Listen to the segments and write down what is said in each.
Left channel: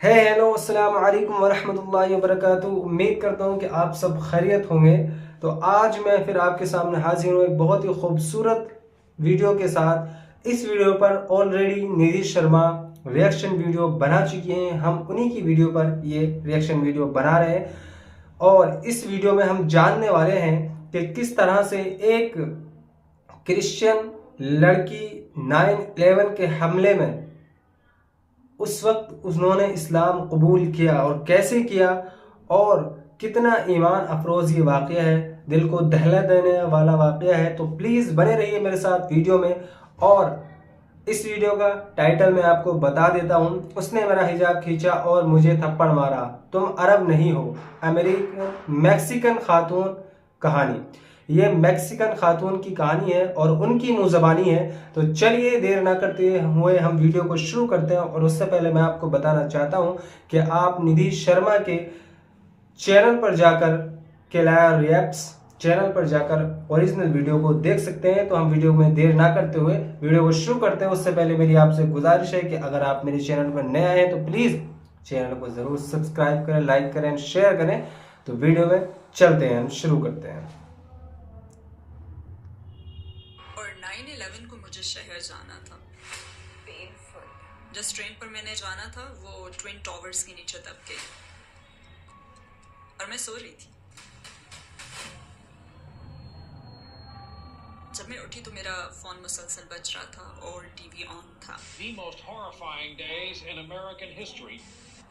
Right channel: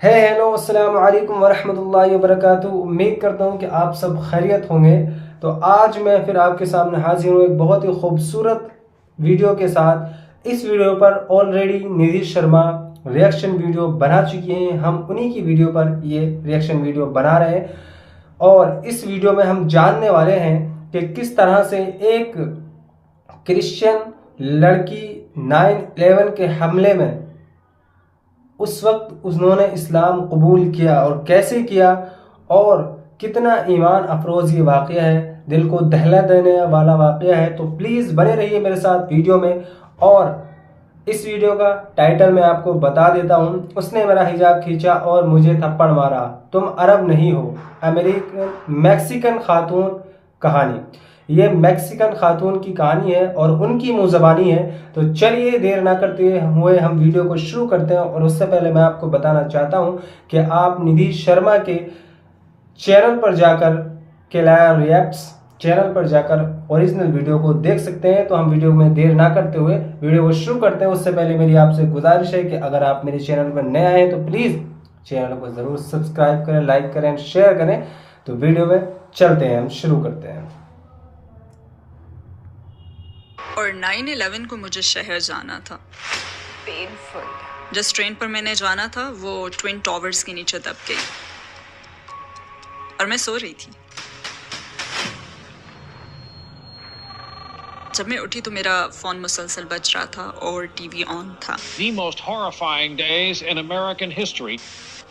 ہے ہیلو السلام علیکم ورحمۃ اللہ وبرکاتہ۔ امید کرتا ہوں کہ آپ سب خیریت ہوں گے۔ تو آج میں پھر آپ کے سامنے حاضر ہوں ایک بہت ہی خوبصورت ویڈیو کے ساتھ۔ اس ویڈیو پر آلریڈی ندھی شرما ریئیکشن ویڈیو بنا چکی ہیں، ہم انہی کی ویڈیو پر یہ ریئیکشن ویڈیو بنا رہے ہیں، اور اس ویڈیو میں ہم جاننے والے ہیں کہ کس طرح سے ایک کرسچن لڑکی 9/11 کے حملے میں اس وقت انہوں نے اسلام قبول کیا اور کیسے کیا، اور کتنا ایمان افروز یہ واقعہ ہے، دل کو دہلا دینے والا واقعہ ہے۔ تو پلیز بنے رہیے میرے ساتھ ویڈیو میں۔ اور اس ویڈیو کا ٹائٹل میں آپ کو بتا دیتا ہوں، اس نے میرا حجاب کھینچا اور مجھے تھپڑ مارا، تم عرب نہیں ہو، میکسیکن خاتون کہانی۔ یہ میکسیکن خاتون کی کہانی ہے اور ان کی منہ زبانی ہے۔ تو چلیے دیر نہ کرتے ہوئے ہم ویڈیو کو شروع کرتے ہیں، اور اس سے پہلے میں آپ کو بتانا چاہتا ہوں کہ آپ ندھی شرما کے چینل پر جا کر کیلایا ریئیکٹس چینل پر جا کر اوریجنل ویڈیو کو دیکھ سکتے ہیں۔ تو ہم ویڈیو میں دیر نہ کرتے ہوئے ویڈیو کو شروع کرتے ہیں۔ اس سے پہلے میری آپ سے گزارش ہے کہ اگر آپ میرے چینل پر نئے آئے ہیں تو پلیز چینل کو ضرور سبسکرائب کریں، لائک کریں، شیئر کریں۔ تو ویڈیو میں چلتے ہیں، ہم شروع کرتے ہیں۔ اور 9/11 کو مجھے شہر جانا تھا۔ پینفل۔ جس ٹرین پر میں نے جانا تھا وہ ٹوین ٹاورز کے نیچے دب گئی اور میں سو رہی تھی۔ جب میں اٹھی تو میرا فون مسلسل بج رہا تھا اور ٹی وی آن تھا۔ The most horrifying days in American history.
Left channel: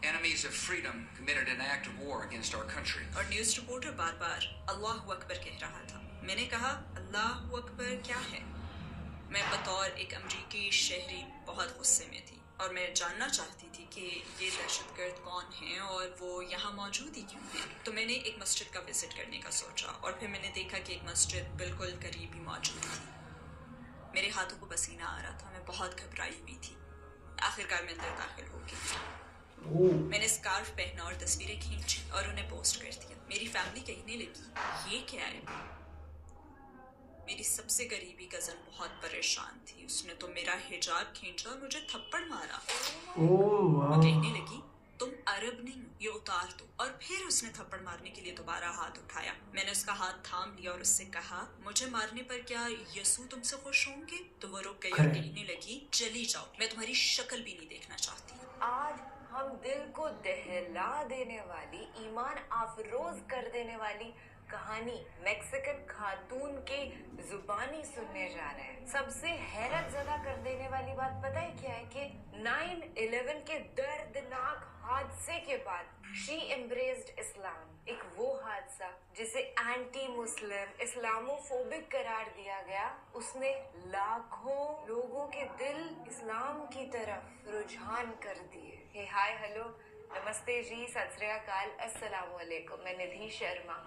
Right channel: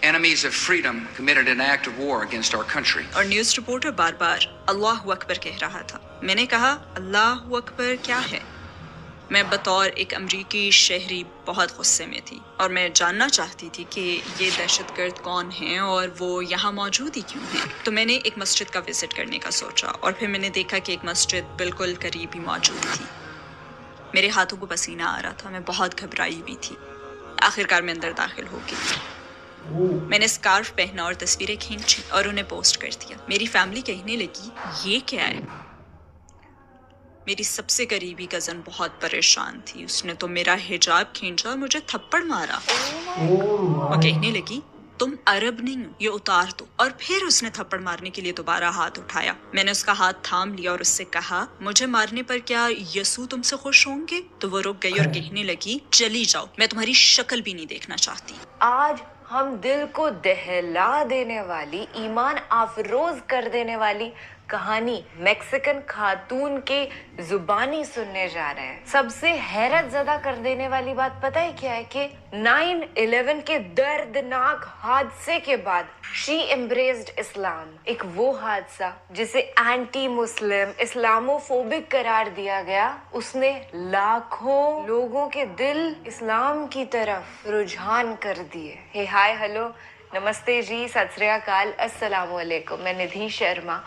Enemies of freedom committed an act of war against our country. اور نیوز رپورٹر بار بار اللہ اکبر کہہ رہا تھا۔ میں نے کہا اللہ اکبر کیا ہے؟ میں بطور ایک امریکی شہری بہت غصے میں تھی اور میں جاننا چاہتی تھی کہ یہ دہشت گرد کون ہیں اور وہ یہاں موجود ہی کیوں ہیں۔ تو میں نے ایک مسجد کا وزٹ کرنے کا سوچا، اور پھر میں نے دیکھا کہ ایک مسجد بالکل قریب ہی موجود تھی۔ میرے ہاتھوں کو پسینہ آ رہا تھا، میں بہت گھبرائی ہوئی تھی۔ آخرکار میں اندر داخل ہو گئی۔ میں نے سکارف پہنا اور تصویریں کھینچی اور انہیں پوسٹ کر دیا۔ میری فیملی کہنے لگی یہ کیا ہے؟ میری سب سے قریبی کزن بہت پریشان تھی، اس نے تو میرا حجاب کھینچا اور مجھے تھپڑ مارا۔ وہ کہنے لگی تم عرب نہیں ہو، یہ اتار دو۔ اور پھر اس نے تھپڑ مارنے کے لیے دوبارہ ہاتھ اٹھایا۔ میں نے اس کا ہاتھ تھام لیا اور اس سے کہا مجھے مارنے پر کیا یسوع تم سے خوش ہوں گے؟ تو وہ رک گئی اور کہنے لگی چلی جاؤ، میں تمہاری شکل بھی نہیں دیکھنا چاہتی۔ آج ہم دل کو دہلا دینے والی، ایمان افروز کر دینے والی کہانی میکسیکن خاتون کے زبانی سننے جا رہے ہیں۔ سب سے حیرت زدہ کر دینے والی بات پتہ ہے کیا ہے؟ کہ 9/11 کے دردناک حادثے کے بعد شی embraced اسلام، ایک وہ حادثہ جسے اینٹی مسلم، اسلامو فوبک قرار دیا گیا، اس نے لاکھوں لوگوں کے دل اسلام کی طرف رجحان کر دیے۔ ہائے ہلو نمستے جی، ست سری اکال، السلام علیکم۔ میں ندھی شرما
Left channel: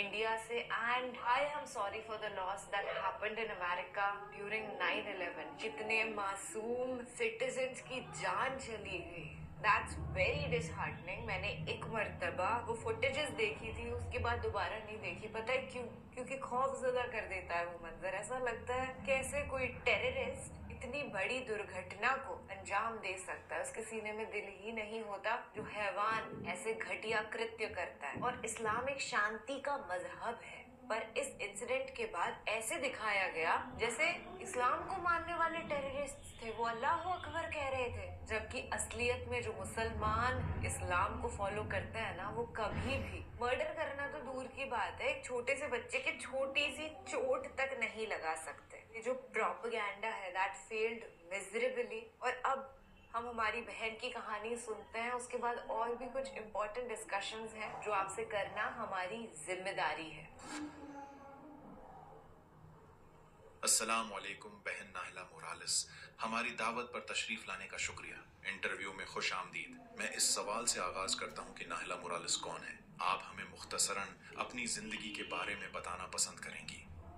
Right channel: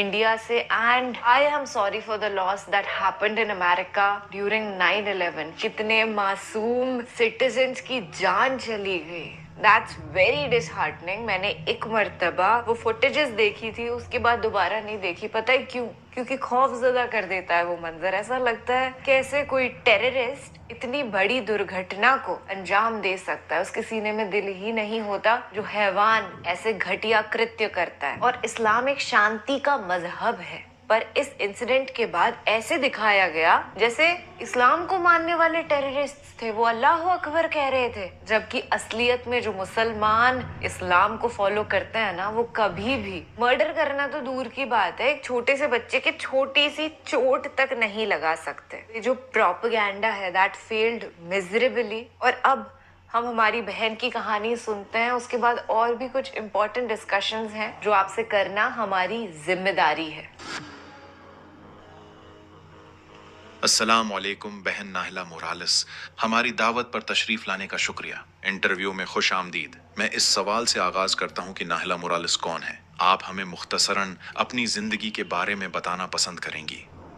انڈیا سے، and I am sorry for the loss that happened in America during 9/11۔ کتنے معصوم سٹیزنز کی جان چلی گئی۔ That's very disheartening۔ میں نے ایک مرتبہ وہ فوٹیجز دیکھی تھی، اس کے بعد دوبارہ نہیں دیکھی۔ پتہ ہے کیوں؟ کیونکہ خوف زدہ کر دیتا ہے وہ منظر۔ ایسا لگتا ہے کہ ایسے کوئی ٹیررسٹ اتنی بڑی درگھٹنا کو انجام دے سکتا ہے، اس کے سینے میں دل ہی نہیں ہوتا جو حیوان ایسے گھٹیا کرتیہ کرتا ہے۔ اور اسلام ایک شانتی کا مذہب ہے، پر اس انسیڈنٹ کے بعد ایسے دکھایا گیا جیسے اسلام کو ماننے والے ٹیررسٹ تھے وہ اللہ اکبر کہہ رہے تھے، جبکہ اصلیت میں جو مسلمان اسلام کو فالو کرتے ہیں نا، وہ کبھی بھی مرڈر کرنا تو دور کی بات ہے، ایک چھوٹے سے بچے کے چھوٹی سی چوٹ تک نہیں لگا سکتے۔ یہ جو پروپیگینڈا ہے دیٹ فیلڈ میزریبلی۔ اور اب ہم ہماری بہن کی کہانی سنتے ہیں، اس کے بعد اور بھی کچھ امپورٹنٹ ڈسکشنز ہیں جو آپ سے کرنا ہماری ذمہ داری ہے۔ السلام علیکم بہن ناہلا مورالس، ہماری دعوت پر تشریف لانے کا شکریہ۔ انٹرویو میں خوش آمدید۔ میں اس سوال سے آغاز کرتا ہوں کہ ناہلا مورالس کون ہے؟ آپ ہمیں مختصراً اپنی زندگی کے بارے میں بتانا پسند کریں گی؟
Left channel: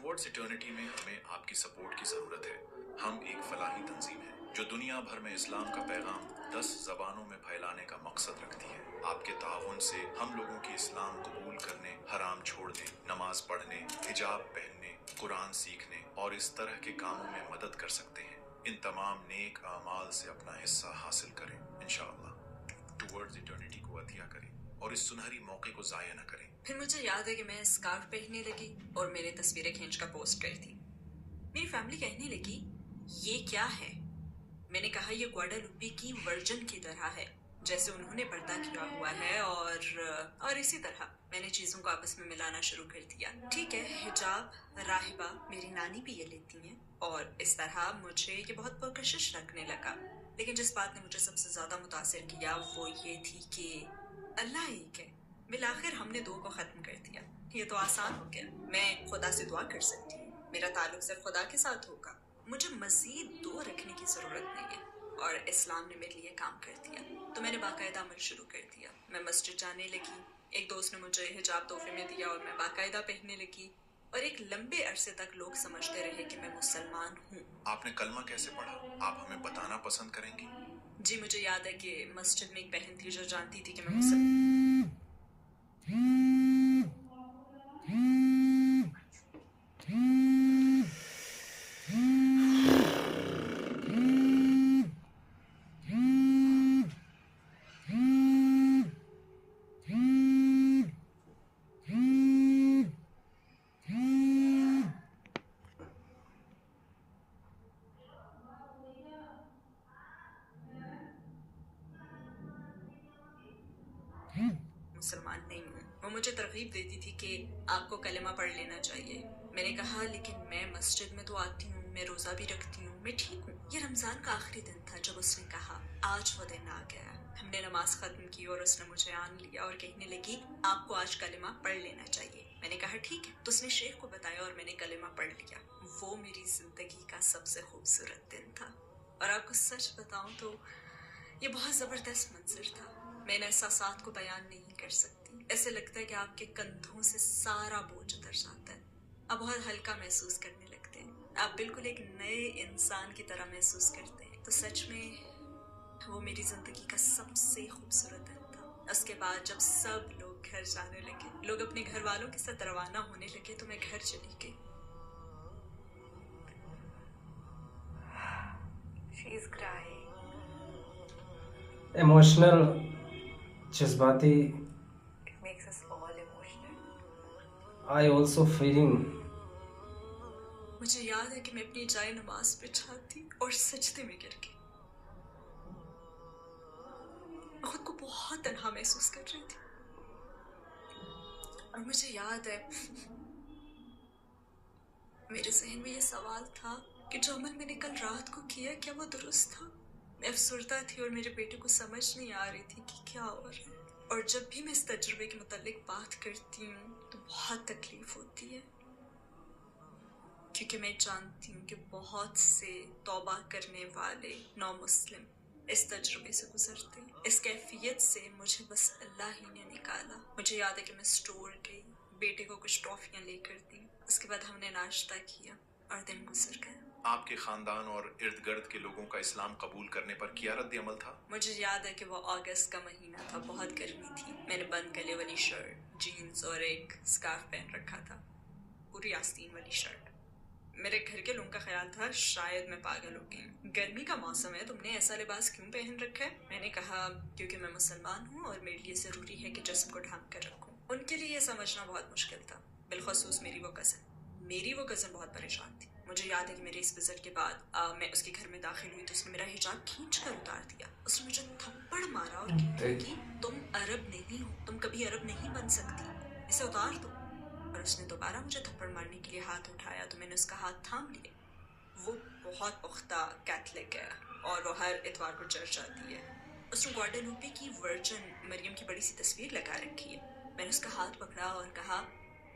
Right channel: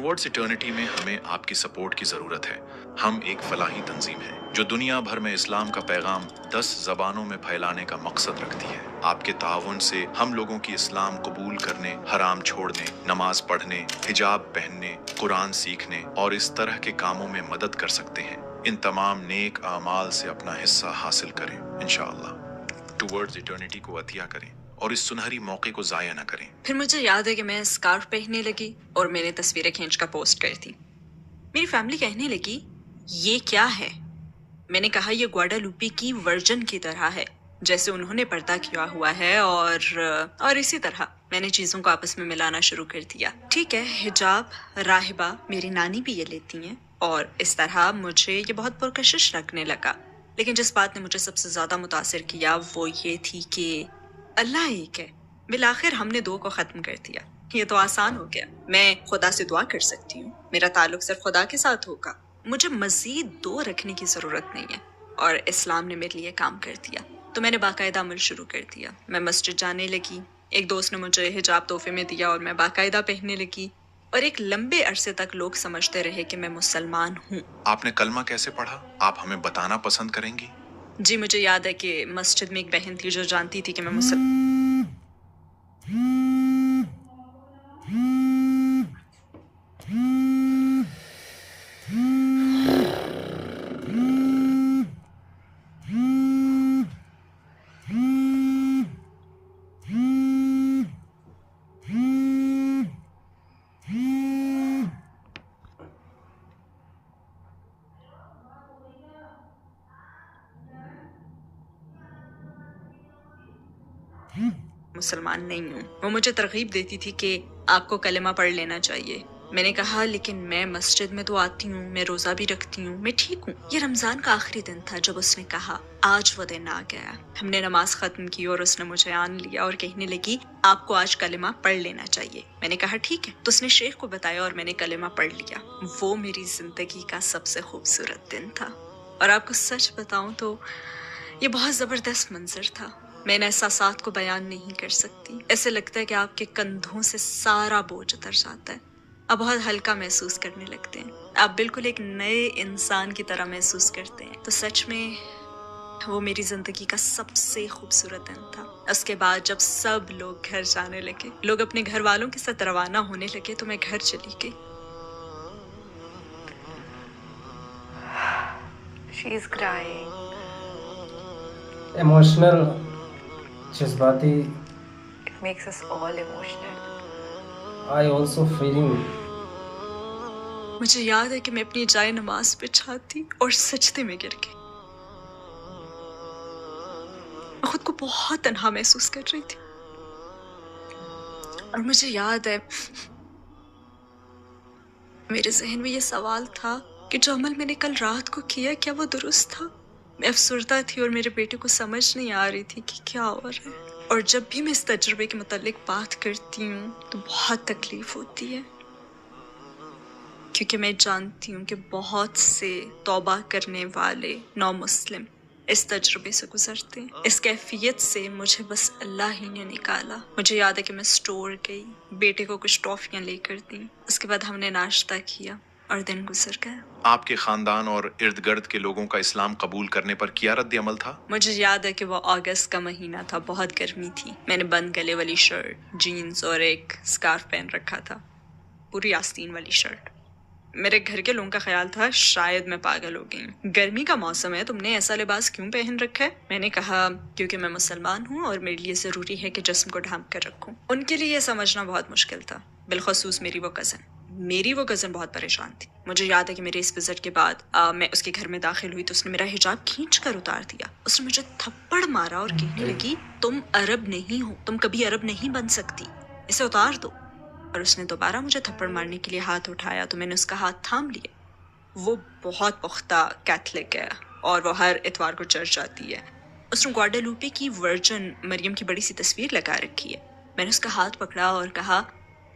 ٹورڈز ایٹرنٹی میں ہمیں آپ کی سپورٹ کی ضرورت ہے۔ ہم ایک فلاحی تنظیم ہے جو دنیا بھر میں اسلام کا پیغام 10 زبانوں میں پھیلانے کا مقصد رکھتی ہے۔ آپ کے تعاون سے ہم لوگوں کی اسلام قبول کرنے، حرام چھوڑنے، نماز پڑھنے، حجاب پہننے، قرآن سیکھنے اور اس طرح کے کاموں میں مدد کر سکتے ہیں۔ ان تمام نیک اعمال سے اپنا حصہ حاصل کریں انشاءاللہ۔ ٹورڈز ایٹرنٹی کو عطیہ کریں اور اس سنہری موقع کو ضائع نہ کریں۔ پھر مجھے یاد ہے کہ میں اسکارف پہننے لگی اور میں نے تصویریں کھینچ کر پوسٹ کر دی۔ میری فیملی کہنے لگی یہ کیا ہے؟ میں نے کہا یہ گواڈالوپی کی ورجن کی طرح ہے جیسے انہوں نے پردہ کیا ہوا ہے، اور اسی طرح میں نے چیزوں کو آپس میں ملانا شروع کر دیا۔ ٹھیک ہے، حجاب، راہبہ، میری نانی بھی یہ لیتی ہیں، اور اس طرح مجھے یہ بہت پرکشش لگنے لگا۔ لیکن جس بات نے مجھے سب سے زیادہ متاثر کیا وہ یہ تھی کہ اللہ ایک ہے۔ بالآخر ہم نے 2 کو ختم کر دیا۔ یہ تو آسان ہو گیا۔ میں خدا سے دعا کر سکتی ہوں، میرا تعلق صرف خدا کے ساتھ ہوگا، مجھے مزید 2 رکھنے کی ضرورت نہیں ہے، اور اسلام نے میرے لیے کام کر دیا۔ تو میں نے باقاعدہ عمل شروع کر دیا۔ میں مسجد جانے لگی، ایک دوست نے مجھے حجاب تحفے میں دیا اور میں باقاعدہ پہننے لگی، اور ایک لمبے عرصے تک لوگ سمجھتے رہے کہ میں مسلمان ہوں۔ آپ نے کلمہ کیسے پڑھا؟ آپ ہمیں بتانا پسند کریں گی؟ جی مجھے یاد ہے کہ مسجد میں ایک بہن تھی جو جانتی تھی کہ میں مسلمان نہیں ہوں۔ وہ مجھے ترغیب دیتی تھی کہ آپ کو کلمہ پڑھ لینا چاہیے۔ میں نے کہا لیکن میں مسجد میں تو آتی ہوں، میں روزہ بھی رکھتی ہوں، میں ٹھیک ہوں۔ یہ رمضان کا آخری دن تھا جب اس نے کہا آج وہ دن آ گیا۔ ہم نے نماز ختم کی اور اس نے مجھے آن لیا اور کہنے لگی آپ کو آج کلمہ پڑھ لینا چاہیے۔ میں نے کہا ٹھیک ہے۔ تو اس نے شیخ کو بتایا اور میں نے کلمہ پڑھ لیا۔ وہ میری زندگی کا سب سے خوبصورت دن تھا، اور آپ کو سچ بتاؤں تو یہ بہت زبردست منظر تھا۔ میں ان احساسات کو بیان نہیں کر سکتی۔ ایسے لگتا ہے کہ آپ کے کندھوں سے سارا بوجھ اتر جاتا ہے، آپ بہت ہلکا محسوس کرنے لگتے ہیں، آپ بالکل ایک نئے انسان کی طرح محسوس کرتے ہیں۔ تو سچ میں وہ میری زندگی کا سب سے خوبصورت دن تھا۔ اس کے بعد جب سب لوگ گھر جانے لگے، لوگ اپنے گھر والوں کے ساتھ روانہ ہونے لگے، تو میں گھر چلی گئی۔ She is crying. ایموشنل، جذباتی۔ It makes us all emotional. I also feeling. مجھے یاد ہے کہ میں اپنی جائے نماز پہ چھاتی اور سجدے میں گر گئی۔ میں خود کو بہت تنہا محسوس کر رہی تھی، اور مجھے یاد ہے میرے ذہن میں یہ سوال تھا کہ جو عمل میں نے کل رات کو کیا کیا وہ درست تھا؟ میں افسردہ تھی اور میرے بیٹے کو سمجھ نہیں آ رہی تھی کہ کیا ہو رہا ہے، اور جب بھی میں اس تجربے کے متعلق بات کرتی ہوں تو بہت تکلیف ہوتی ہے، کیونکہ میں جانتی ہوں کہ بہت سے توبہ کرنے والے نو مسلم اس تجربے سے گزرتے ہیں۔ اس کیفیت سے مجھے بس اللہ ہی نے نکالا۔ مجھے یاد ہے کہ میں اسٹور گئی، بیٹے کو کچھ ٹافیاں لے کر دیں، اس کے بعد ہم نے ناشتہ کیا اور دن گزر گیا۔ آپ کے خاندان اور ارد گرد کے لوگوں کا اسلام قبول کرنے پر کیا رد عمل تھا؟ مجھے یاد ہے کہ وہ اگست کا مہینہ تھا، بہت گرمی تھی۔ میں نے بند گلے والی شرٹ، جینز اور ایک سکارف پہن رکھا تھا، پوری آستین والی شرٹ۔ میرے گھر کے لوگوں کا خیال تھا شاید میں پاگل ہو گئی ہوں، گرمی کا موسم ہے، تم نے ایسا لباس کیوں پہن رکھا ہے؟ میں نے کہا کیونکہ میں مسلمان ہوں اور میرے لیے ضروری ہے کہ جسم کو ڈھانپ کر رکھوں۔ ان کے لیے یہ سمجھنا بہت مشکل تھا، بالخصوص میری وہ کزن بہت پریشان تھی۔ مجھے یاد ہے کہ میرے اس وزٹ کے بعد میں اس کے گھر میں داخل ہوئی تو اس نے میرا حجاب کھینچ کر اتار دیا۔ اس نے مجھے تھپڑ مارا اور کہنے لگی تم عرب نہیں ہو، تم کبھی عرب نہیں بن سکتی، اسے اتار دو۔ اور اس نے دوبارہ مجھے تھپڑ مارنے کے لیے ہاتھ اٹھایا تو میں نے اس کا ہاتھ تھام لیا۔ وہ بہت پختہ کیتھولک ہے اور وہ ہر اتوار کو چرچ جاتی ہے۔ اس نے گواڈالوپے کی ورجن مریم کی بڑی سی تصویر لگا رکھی ہے۔ میں نے اس کا ہاتھ پکڑا اور کہا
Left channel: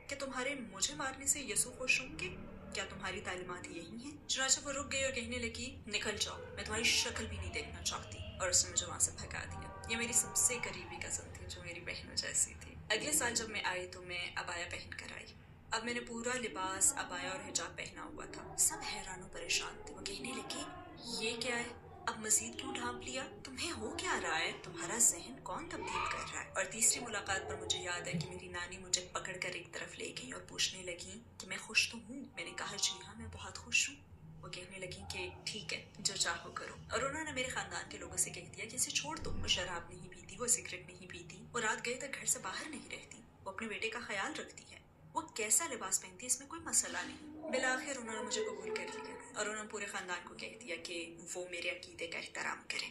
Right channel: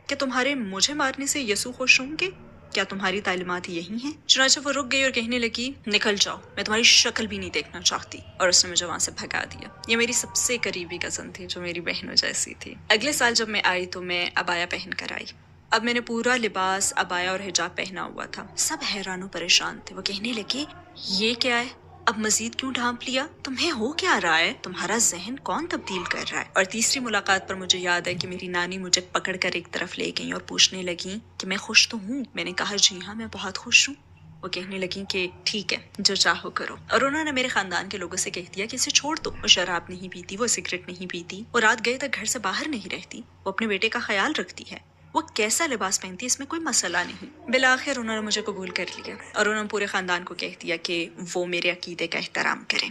کہ تمہارے مجھے مارنے سے یسوع خوش ہوں گے؟ کیا تمہاری تعلیمات یہی ہیں؟ چنانچہ وہ رک گئی اور کہنے لگی نکل جاؤ، میں تمہاری شکل بھی نہیں دیکھنا چاہتی، اور اس نے مجھے وہاں سے بھگا دیا۔ یہ میری سب سے قریبی کزن تھی جو میری بہنوں جیسی تھی۔ اگلے سال جب میں آئی تو میں عبایا پہن کر آئی۔ اب میں نے پورا لباس ابایا اور حجاب پہنا ہوا تھا. سب حیران و پریشان تھے. وہ کہنے لگے یہ کیا ہے, اب مزید کیوں ڈھانپ لیا, تمہیں ہو کیا رہا ہے, تمہارا ذہن کون تبدیل کر رہا ہے. اور تیسری ملاقات پر مجھے یاد ہے کہ میری نانی مجھے پکڑ کر ایک طرف لے گئیں اور پوچھنے لگیں کہ میں خوش تو ہوں. میں نے کہا جی ہاں میں بہت خوش ہوں. وہ کہنے لگیں کہ ٹھیک ہے جو چاہو کرو. اور انہوں نے میرے خاندان کے لوگوں سے کہہ دیا کہ اسے چھوڑ دو, وہ شراب نہیں پیتی, وہ سگریٹ نہیں پیتی, وہ رات گئے تک گھر سے باہر نہیں رہتی, وہ اپنے بیٹے کا خیال رکھتی ہے, وہ کیسا لباس پہنتی ہے اس میں کوئی مسئلہ نہیں. بالآخر انہوں نے مجھے قبول کر لیا اور انہوں نے پورے خاندان کو کہہ دیا کہ وہ میرے عقیدے کا احترام کریں.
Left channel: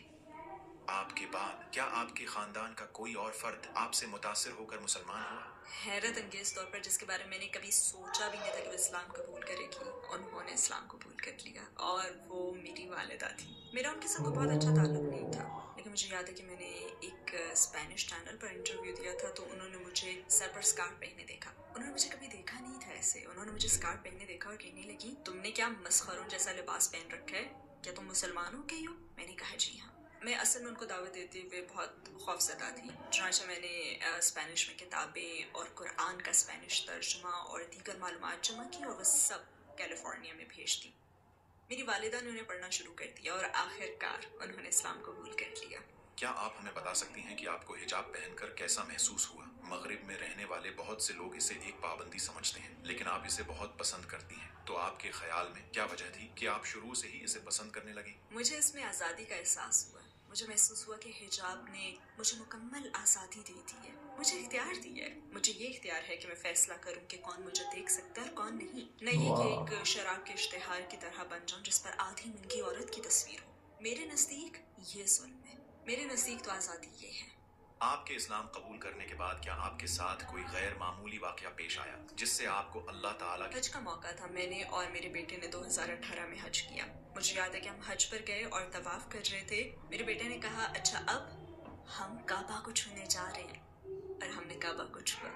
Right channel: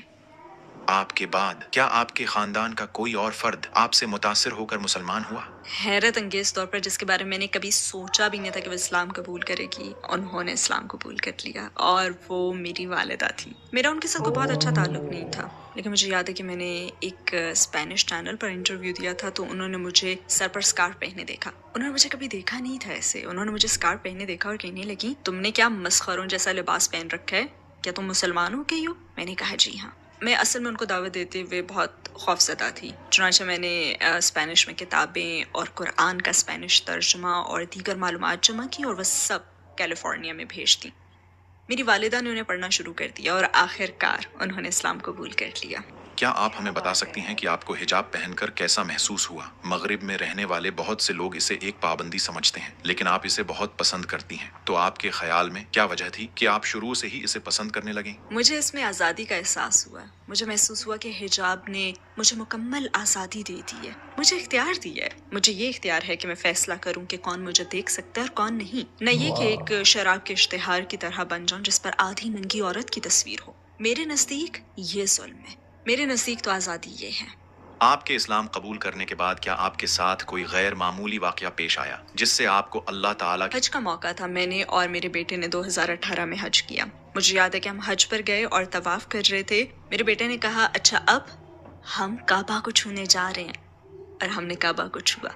آپ کے بعد کیا آپ کے خاندان کا کوئی اور فرد آپ سے متاثر ہو کر مسلمان ہوا؟ حیرت انگیز طور پر جس کے بارے میں نے کبھی سوچا بھی نہیں تھا کہ وہ اسلام قبول کرے گی, انہوں نے اسلام قبول کر لیا, اور وہ میری والدہ تھی. میرا ان کے ساتھ کوئی بہت اچھا تعلق نہیں تھا, لیکن مجھے یاد ہے کہ میں نے ایک اسپینش چینل پر انٹرویو دیا تھا تو انہوں نے مجھے سر پر اسکارف پہنے دیکھا. انہوں نے مجھے کبھی دیکھا نہیں تھا ایسے. انہوں نے مجھے اسکارف پہنے دیکھا اور کہنے لگی تم نے کیا مسخروں جیسا لباس پہن رکھا ہے, کیا تم مسلمان ہو گئی ہو. میں نے کہا جی ہاں. میں اصل میں ان کو دعوت دیتے ہوئے بہت خوفزدہ تھی. چنانچہ میں نے اسپینش میں کتابیں اور قرآن کا اسپینش ترجمہ اور دیگر معلومات جمع کی اور وہ سب کیلیفورنیا میں بھیج دیں. میری والدہ نے انہیں پڑھنا شروع کر دیا اور آخر کار انہوں نے اسلام قبول کر لیا. کیا آپ ہمیں بتا سکتی ہیں کہ آپ کو حجاب پہن کر کیسا محسوس ہوا؟ مغرب میں رہنے والے بہت سے لوگ اسے ایک پابندی سمجھتے ہیں, لیکن آپ اسے بہت پسند کرتی ہیں. تو آپ کے خیال میں کیا وجہ تھی کہ آپ شروع سے ہی اسے پسند کرنے لگیں؟ مجھے اس میں آزادی کا احساس ہوا. مجھے محسوس ہوا کہ حجاب نے مجھے مکمل آزادی دے دی ہے, مجھے اختیار دیا ہے. مجھے یہ اختیار ہے کہ میں فیصلہ کروں کہ کون مجھے دیکھ سکتا ہے اور کون نہیں. نہ یہ کہ ایک شراب کے اشتہار کی طرح بن جاؤں جس پر آدھی ننگی عورت کی تصویر ہو. میرے نزدیک یہ ظلم ہے. میرے نزدیک تو آزادی یہ ہے. آپ کے اسلام قبول کرنے کے بعد کیا آپ کے ساتھ کوئی غیر معمولی واقعہ پیش آیا جس سے آپ کو اللہ تعالیٰ حج کا موقع تھا. میں نے اور میرے بیٹے نے 2018 میں حج کیا. مجھے یاد ہے کہ ہم حج پر گئے اور طواف کر رہے تھے. میرے بیٹے نے کہا اچھا اب ہم کعبہ کو چھونے جا رہے ہیں, اور ہم نے کعبہ کو چھوا.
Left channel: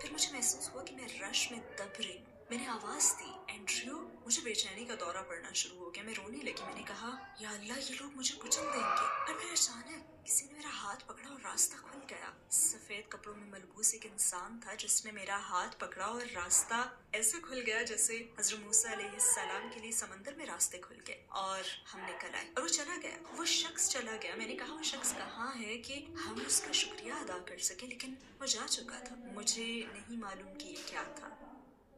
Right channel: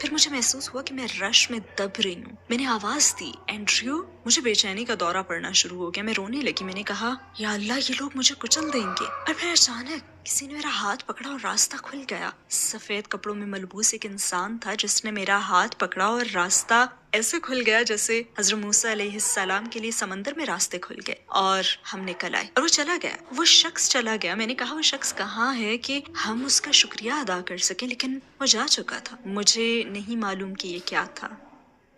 پھر مجھے محسوس ہوا کہ میں رش میں دب رہی ہوں. میں نے آواز دی اینڈریو. مجھے بے چینی کا دورہ پڑنا شروع ہو گیا. میں رونے لگی. میں نے کہا یا اللہ یہ لوگ مجھے کچل دیں گے. اور پھر اچانک کسی نے میرا ہاتھ پکڑا اور راستہ کھل گیا. سفید کپڑوں میں ملبوس ایک انسان تھا جس نے میرا ہاتھ پکڑا اور راستہ ایسے کھل گیا جیسے حضرت موسیٰ علیہ السلام کے لیے سمندر میں راستے کھل گئے, اور ہم نکل آئے. اور وہ چلا گیا, وہ شخص چلا گیا. میں نے کہا وہ شخص کہاں ہے کہ ہم اس کا شکریہ ادا کر سکیں, لیکن وہ جا چکا تھا. مجھے نہیں معلوم کہ یہ کیا تھا,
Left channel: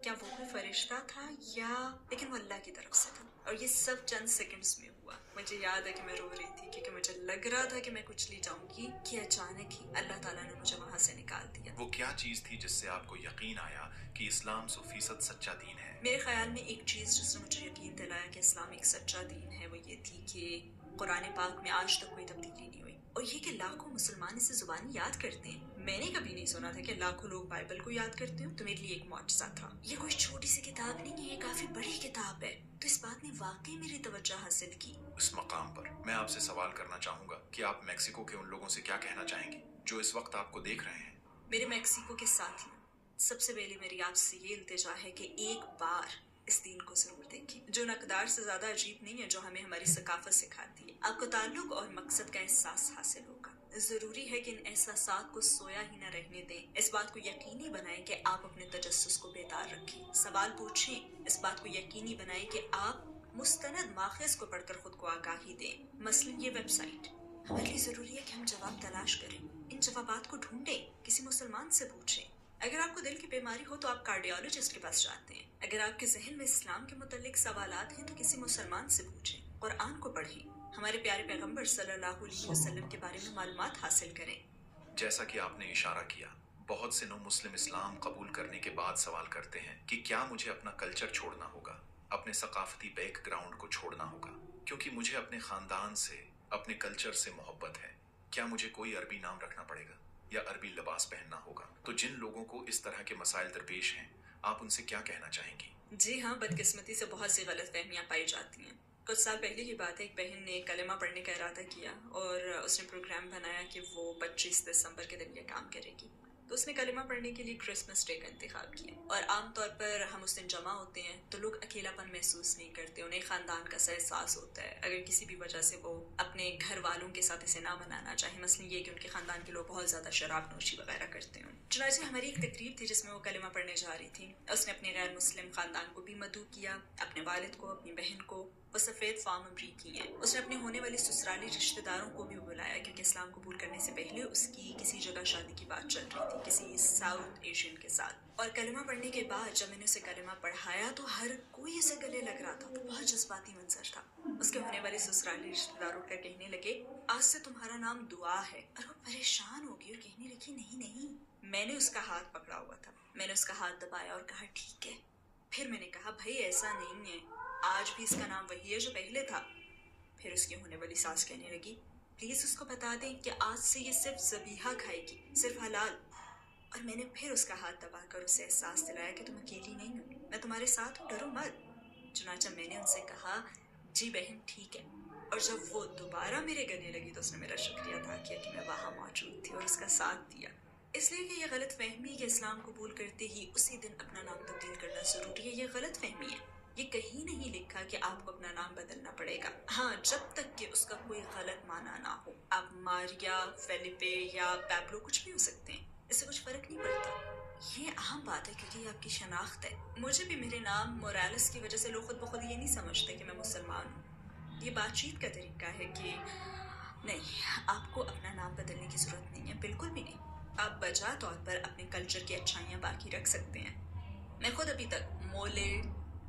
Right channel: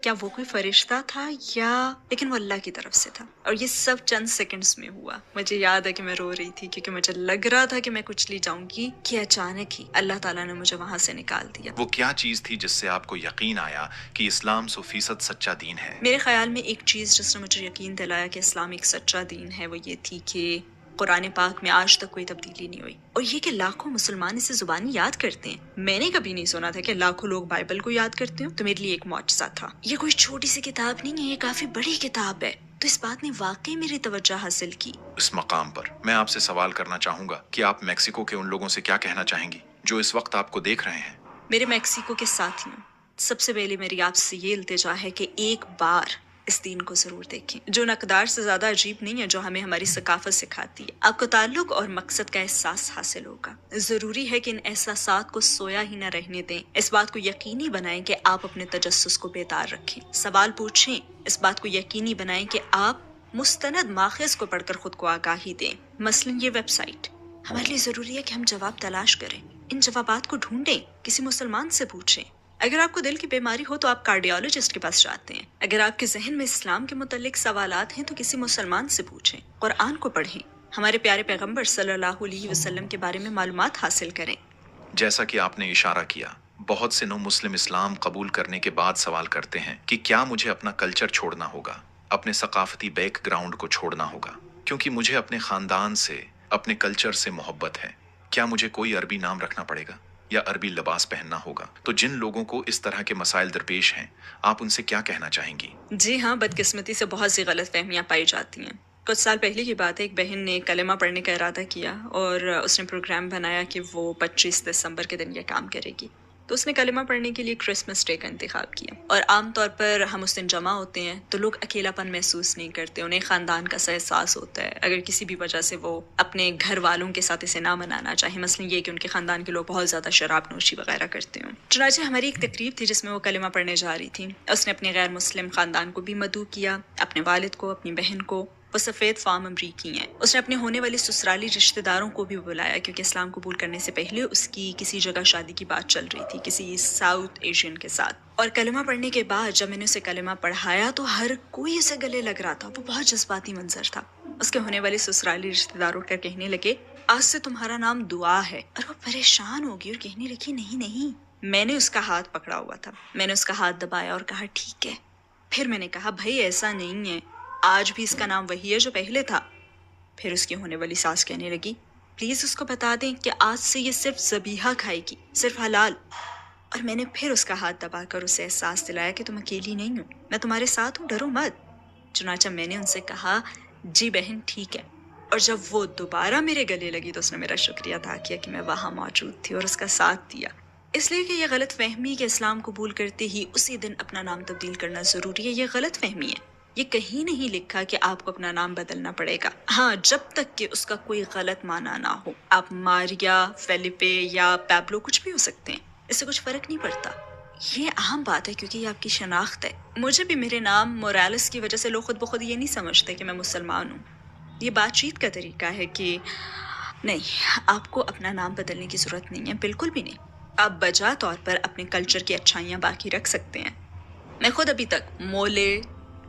کیا وہ کوئی فرشتہ تھا یا, لیکن وہ اللہ کی طرف سے تھا. اور یہ سب چند سیکنڈز میں ہوا. مجھے یاد ہے کہ میں رو رہی تھی کیونکہ مجھے لگ رہا تھا کہ میں کچلی جاؤں گی, کہ اچانک ہی اللہ تعالیٰ نے مجھے وہاں سے نکال دیا. وہ کیا چیز تھی جس سے آپ کو یقین آیا کہ اسلام 100% سچا دین ہے؟ میرے خیال میں ایک چیز جس نے مجھے یقین دلایا کہ اسلام ایک سچا دین ہے وہ یہ تھی کہ قرآن پاک میں آج تک کوئی تبدیلی نہیں ہوئی, اور یہ کہ لاکھوں مسلمان اسے زبانی یاد کرتے ہیں. میں نے کبھی نہیں سنا تھا کہ لاکھوں لوگ بائبل کو یاد کرتے ہوں, تو میرے لیے ایک معجزہ تھا. یہ کوئی چھوٹی سی کتاب نہیں ہے, یہ کافی بڑی کتاب ہے. تو اس بات نے واقعی میری توجہ حاصل کی. اس مقام پر میں آپ سے سوال کرنا چاہوں گا کہ آپ میکسیکو کے ان لوگوں سے کیا کہنا چاہیں گی جو اس وقت آپ کو دیکھ رہے ہیں؟ میرے میکسیکو کے ساتھیوں, سب سے پہلے میری آپ سے یہ التجا ہے کہ ایک بار اس دین کو ضرور دیکھیں, جو نقدار سے زیادہ عجیب نہیں ہے, جو ہمیں ہماری ثقافت سکھاتی ہے. آپ کو تعلق اور مقصد کا احساس حاصل ہوگا. ضروری ہے کہ ان احساسات کو سویا ہی نہ رہنے دیں. اس بات کو یقینی بنائیں کہ آپ اپنے تجسس کو بیدار رکھیں, سوال پوچھیں. اس بات کو یقینی بنائیں کہ آپ مستند ماخذ کو پڑھ کر خود کو آگاہی دیں. مثلاً یہ ویب سائٹ. ہمارے لیے ضروری ہے کہ ہم جواب تلاش کریں, ان جوابات کو ڈھونڈیں, کسی مسلمان سے پوچھیں. اگر آپ کو دل کی بیماری ہو تو آپ کارڈیالوجسٹ کے پاس جاتے ہیں. اگر آپ کے ذہن میں اسلام کے متعلق سوالات ہیں تو کسی مسلمان سے پوچھیں, قرآن کو پڑھیں, ہمارے پیارے پیغمبر صلی اللہ علیہ وسلم کے بارے میں معلومات حاصل کریں. جیسا کہ آپ نے اشارہ کیا, بہت سے نو مسلم اسلام قبول کرنے کے بعد سوال کرتے ہیں کہ کیا مجھے اپنا کلچر چھوڑنا ہوگا, اپنے ثقافتی بیک گراؤنڈ کو چھوڑنا ہوگا, کیونکہ مجھے اپنے خاندان سے, اپنے کلچر سے محبت ہے. کیا مجھے کوئی عربی نام رکھنا پڑے گا یا عربی لباس پہننا ہوگا؟ تو جن لوگوں کو اس طرح کے مسائل درپیش ہیں, آپ ان سے کیا کہنا چاہیں گی؟ جی ہاں, بدقسمتی سے بہت سی غلط فہمیاں پائی جاتی ہیں. کچھ سال پہلے کی بات ہے, ایک بہن نے کلمہ پڑھنے کا ارادہ کیا اور اس نے پروگرام بنایا کہ وہ 25 دسمبر کے دن یہ کام کرے گی. تو اس نے کلمہ پڑھنے کے لیے کرسمس ڈے کا انتخاب کیا. اور عام طور پر ہم اس دن جمع ہوتے ہیں تو لوگ اکیلا پن محسوس نہیں کرتے, انہیں خاندان کا سا احساس ہوتا ہے. اگر کسی بھی وجہ سے وہ اپنے گھر والوں کے ساتھ اسے نہ منانا چاہے, مثلا یہ کہ ان کے خاندان کے لوگ بہت زیادہ شراب نوشی وغیرہ کرتے ہوں. چنانچہ ہماری ایک تقریب تھی جس میں وہ کلمہ پڑھنے جا رہی تھی. اس نے اپنے غیر مسلم خاندان کو بھی مدعو کیا, اپنے والد کو, اپنی بہن کو. وہ سفید فام امریکی ہیں. اس نے اپنے ہونے والے سسرالی رشتہ داروں کو بھی بلایا کیونکہ اسلام قبول کرنے سے پہلے اس کی کسی جگہ شادی کی بات چل رہی تھی کسی ساؤتھ ایشین کے ساتھ. اور کلمہ پڑھنے کے بعد جب میں نے اسے کلمہ پڑھایا تو ہر کوئی اسے گلے لگ رہا تھا. وہ بہت جذباتی منظر تھا. اس کے ہونے والے سسرالی رشتہ دار اٹھ کر کہنے لگے, آج سے تمہارا نام دعا ہے. اور وہ پریشان ہوگی اور کہنے لگی, نہیں. میں نے اس کا ہاتھ پکڑا ہوا تھا. میں نے اس کا ہاتھ دبایا اور کہا ٹھیک ہے. پھر میں نے کہا بھائی ایسا نہیں ہے, آج بھی اس کا نام وہی ہے جو پہلے تھا. پھر اس کی ہونے والی ساس کہنے لگی, پلیز اس کو بتا دیں کہ آج سے یہ صرف ذبیحہ کھائے گی, صرف حلال. اور میں نے پھر اس کا ہاتھ دبا کر اسے احساس دلایا کہ تم اکیلی نہیں ہو, میں تمہارے ساتھ ہوں, ڈرو مت. چنانچہ میں نے ان سے کہا جی بہن ٹھیک ہے. اور جب وہ دوبارہ میرے گلے لگی تو اس نے میرا شکریہ ادا کیا کہ میں وہاں موجود تھی اور اس کا ساتھ دیا. اس لیے کہ یہ غلط فہمی کہ اسلام قبول کرتے ہی اسی دن اپنا نام تبدیل کرنا ضروری ہے, یہ غلط فہمی ہے. یہ کہیں نہیں لکھا کہ آپ کو اپنا نام بدلنا پڑے گا. ہاں, جب تک کہ اس کا کوئی غلط معنی نہ ہو. آپ ماریا, فیلیپے یا پیبلو کچھ بھی ہو سکتے ہیں, اس سے کچھ فرق نہیں پڑتا. یہ اہم بات ہے کیونکہ یہ آپ کی شناخت ہے. مجھے بھی میرے نام موریلس کی وجہ سے لوگ خود بخود یہ نہیں سمجھتے کہ میں مسلمان ہوں. یہ بات چیت کا طریقہ ہے کہ نہیں, آپ کو اپنا نام بدلنے کی ضرورت نہیں ہے, بالکل بھی نہیں. آپ بجا طور پر اپنے کلچر کی اچھائیاں باقی رکھ سکتے ہیں. میں خود ابھی تک مولے,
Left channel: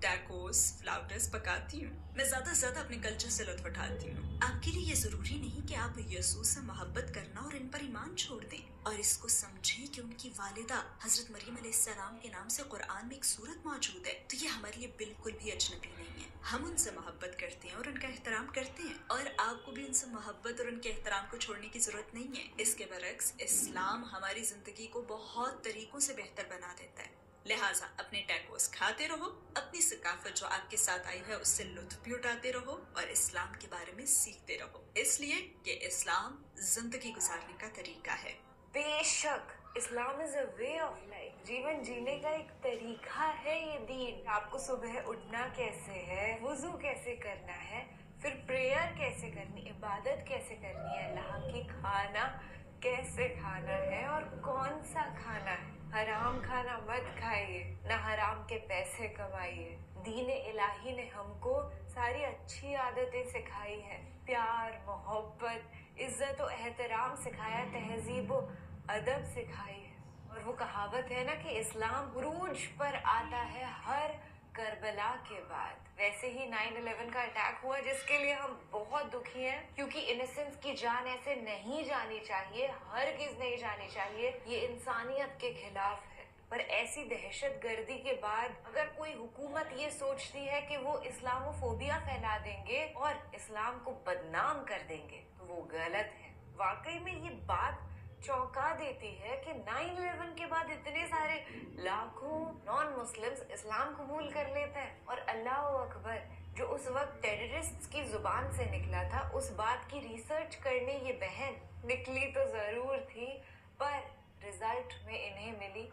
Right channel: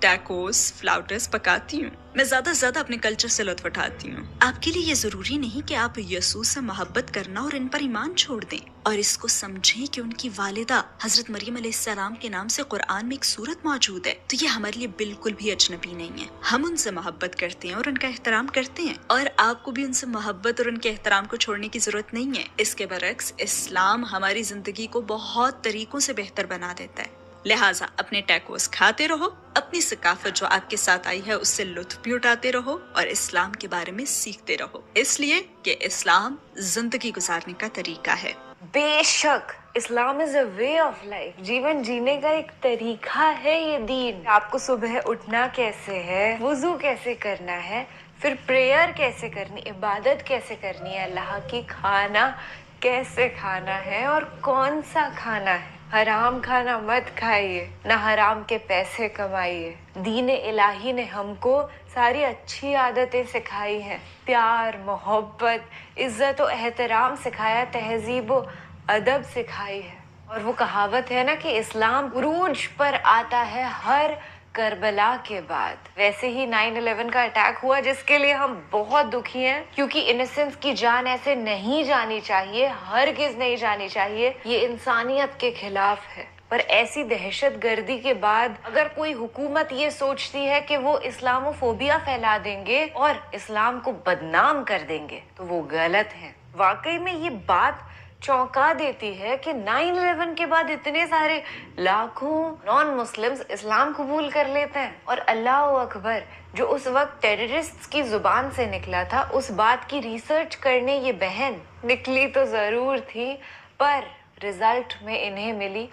ٹیکوز, فلاوٹرز پکاتی ہوں. میں زیادہ سے زیادہ اپنے کلچر سے لطف اٹھاتی ہوں. آپ کے لیے یہ ضروری نہیں کہ آپ یسوع سے محبت کرنا اور ان پر ایمان چھوڑ دیں, اور اس کو سمجھیں کہ ان کی والدہ حضرت مریم علیہ السلام کے نام سے قرآن میں ایک سورت موجود ہے. تو یہ ہمارے لیے بالکل بھی اجنبی نہیں ہے. ہم ان سے محبت کرتے ہیں اور ان کا احترام کرتے ہیں, اور آپ کو بھی ان سے محبت اور ان کے احترام کو چھوڑنے کی ضرورت نہیں ہے. اس کے برعکس اسلام ہماری زندگی کو بہت طریقوں سے بہتر بنا دیتا ہے. لہٰذا اپنے ٹیکوز کھاتے رہو, اپنی ثقافت جو آپ کے ساتھ آئی ہے اس سے لطف بھی اٹھاتے رہو, اور اسلام کے بارے میں سیکھتے رہو, اس لیے کہ اسلام زندگی گزارنے کا طریقہ ہے. بے شک اسلام از اے وے آف لائف, جیون جینے کا ایک طریقہ ہے یہ دین. آپ کو صبح اٹھنا کیسے ہے, وضو کیسے کرنا ہے, پھر پریئر کیسے کرنی, عبادت کیسے کرنی ہے, اللہ کی کھانا کیسے کھانا ہے اور کون سا کھانا ہے. حرام کھانا مت کھائیے, نہ حرام کے پیسے کمائیے. دین الہی نے ہم کو ساری اچھی عادتیں سکھائی ہیں, پیار, محبت, عزت و احترام سکھایا, تہذیب و ادب سکھائی ہے. اور وہ کہاوت ہے نا کہ اسلام عروج پر آتا ہے ہر کربلا کے بعد. ویسے ہی 9/11 کا اٹیک ہوا جس کے لیے ہم بہت دکھی ہیں, کیونکہ انسنس کی جان ایسے نہیں جانی چاہیے, ہرگز نہیں جانی چاہیے. یہ انسانیت کے خلاف ہے. پر ایسی دہشت گردی کے بعد اگر کوئی حکومت یہ سوچتی ہے کہ وہ اسلامو فوبیا پھیلا دیں گے اور اسلام کو بدنام کر دیں گے تو وہ غلط ہے. واقعی میں یہ بات چونکا دیتی ہے کہ 9/11 کے بعد اتنے سارے لاکھوں نان مسلمز اسلام قبول کر لیتے ہیں. اور اللہ اکبر, جو اس وقت ٹیررسٹ کی زبان سے نکلا تھا اس بات کی ریسرچ کرنے یہ بہن نکلی تو ضرور تھی, پر رزلٹ میں انہیں ملی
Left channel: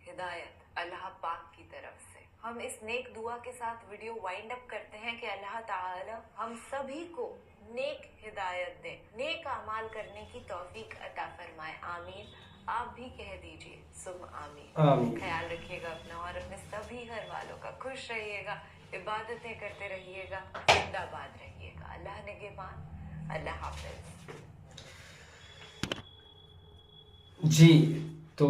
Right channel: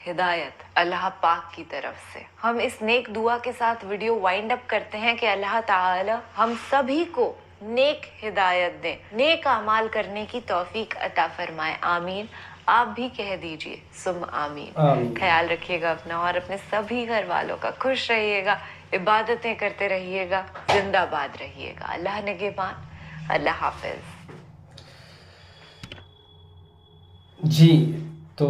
ہدایت اللہ پاک کی طرف سے. ہم اس نیک دعا کے ساتھ ویڈیو وائنڈ اپ کرتے ہیں کہ اللہ تعالی ہم سبھی کو نیک ہدایت دیں, نیک اعمال کرنے کی توفیق عطا فرمائے. آمین. آپ بھی کہہ دیجئے سم آمین. خیال رکھیے گا اپنا اور اپنے سبھی گھر والوں کا. خوش رہیے گا, عبادتیں کرتے رہیے گا, زندہ باد رہیے گا. اللہ نگہبان. اللہ حافظ. جی, تو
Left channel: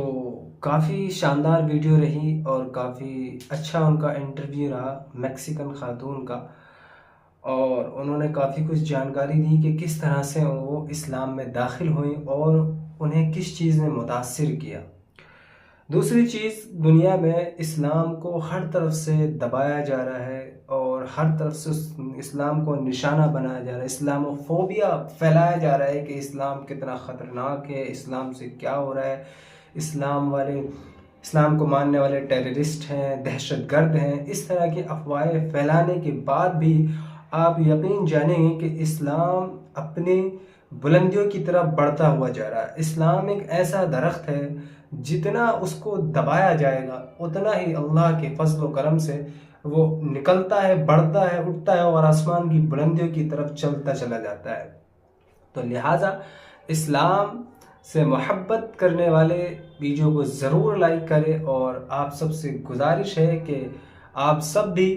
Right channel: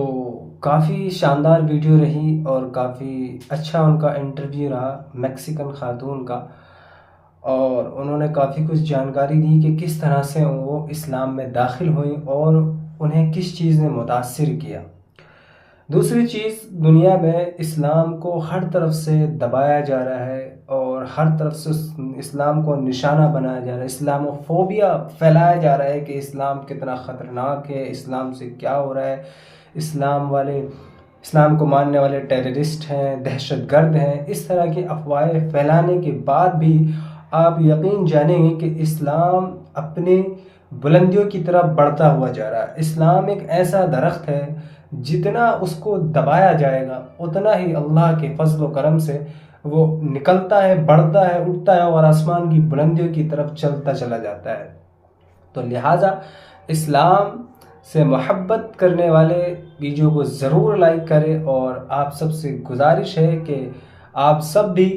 کافی شاندار ویڈیو رہی اور کافی اچھا ان کا انٹرویو رہا میکسیکن خاتون کا, اور انہوں نے کافی کچھ جانکاری دی کہ کس طرح سے وہ اسلام میں داخل ہوئیں اور انہیں کس چیز نے متاثر کیا. دوسری چیز, دنیا میں اسلام کو ہر طرف سے دبایا جا رہا ہے اور ہر طرف سے اسلام کو نشانہ بنایا جا رہا ہے, اسلامو فوبیا پھیلایا جا رہا ہے کہ اسلام کتنا خطرناک ہے, اسلام سے کیا ہو رہا ہے, اسلام کو ماننے والے ٹیررسٹ ہیں, دہشت گرد ہیں. اس طرح کی افواہیں پھیلانے کے بعد بھی آپ یقین جانیں گے کہ اسلام اپنی بلندیوں کی طرف بڑھتا ہوا جا رہا ہے. اسلام ایک ایسا درخت ہے جتنا اس کو دبایا جائے گا اتنا ہی اللہ کے فضل و کرم سے وہ نکلتا ہے، بڑھتا ہے، اٹھتا ہے اور آسمان کی بلندیوں کی طرف چلتا چلا جاتا ہے۔ تو لہٰذا اسلام سے محبت کرنے والے ویڈیو کو ضرور لائک کریں، اور آپ سب سے گزارش ہے کہ آپ سب بھی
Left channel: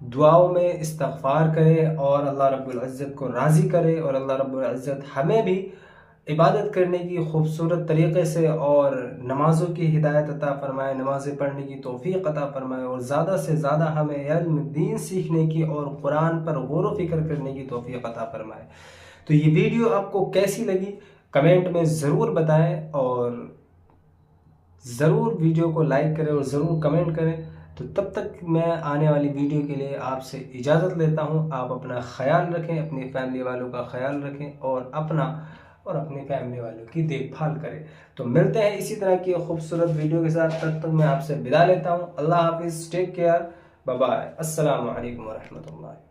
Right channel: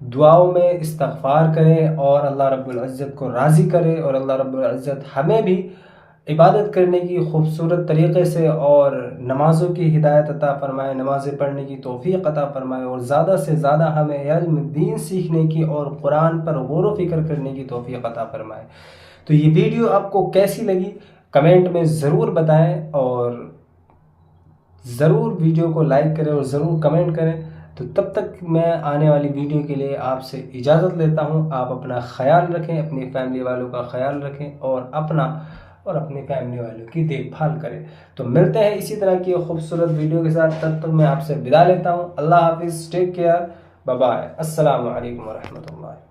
دعاؤں میں استغفار کریں اور اللہ رب العزت کو راضی کریں، اور اللہ رب العزت ہمیں بھی عبادت کرنے کی خوبصورت طریقے سے اور نمازوں کی ہدایت عطا فرمائے، نمازیں پڑھنے کی توفیق عطا فرمائے، اور زیادہ سے زیادہ ہمیں علم دین سیکھنے کی اور قرآن پر غور و فکر کرنے کی توفیق عطا فرمائے۔ تو یہ ویڈیو آپ کو کیسی لگی کمنٹ میں ضرور بتائیں، اور ضرور ویڈیو کو لائک کریں اور ضرور کمنٹ کریں۔ تو تب تک میں آنے والی ویڈیو کے لیے آپ سے اجازت لیتا ہوں۔ آپ اپنا خیال رکھیں، اپنی فیملی والوں کا خیال رکھیں، اور اپنا اور اپنی فیملی والوں کی دیکھ بھال کریں۔ تو ملتے ہیں اسی طرح کی خوبصورت ویڈیو کے ساتھ، تب تک میں آپ سے ودا لیتا ہوں۔ اللہ حافظ، ٹیک کیئر، بائے بائے، السلام علیکم ورحمۃ اللہ۔